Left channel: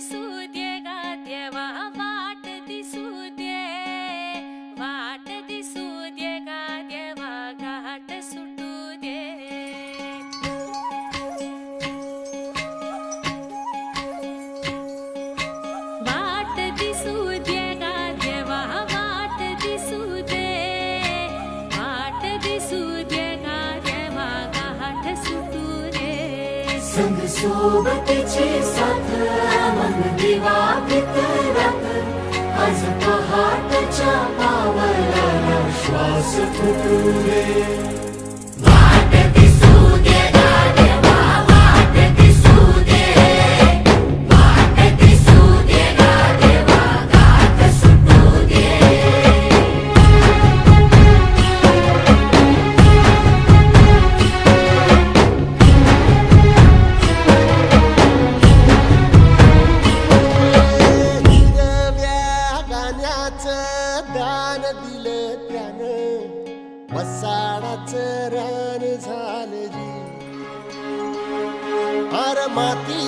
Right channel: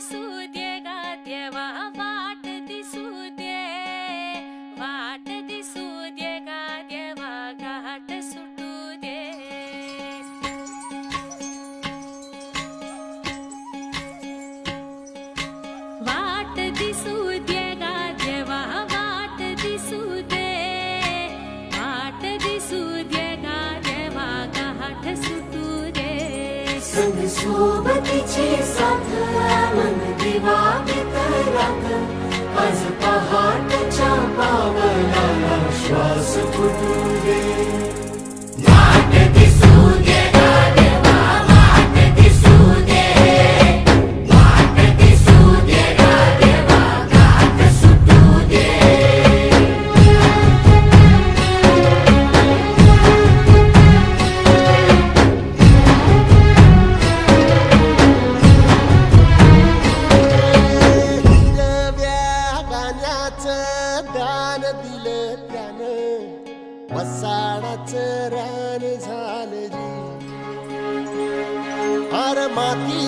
दिसू दे गा देवा वाट दिसू दे, वाट दिसू दे गा देवा घाट सुटू दे। वाट दिसू दे गा देवा वाट दिसू दे, वाट दिसू दे गा देवा घाट सुटू दे। संग सोबतीची साथ मन दिवा मित्रात, आज पहाटच्या पावलाला श्वास फुटू दे। वाट दिसू दे गा देवा वाट दिसू दे, वाट दिसू दे गा देवा घाट सुटू दे। दान दिलं त्यानं, वसाडाचं रान झालं जी, अर माती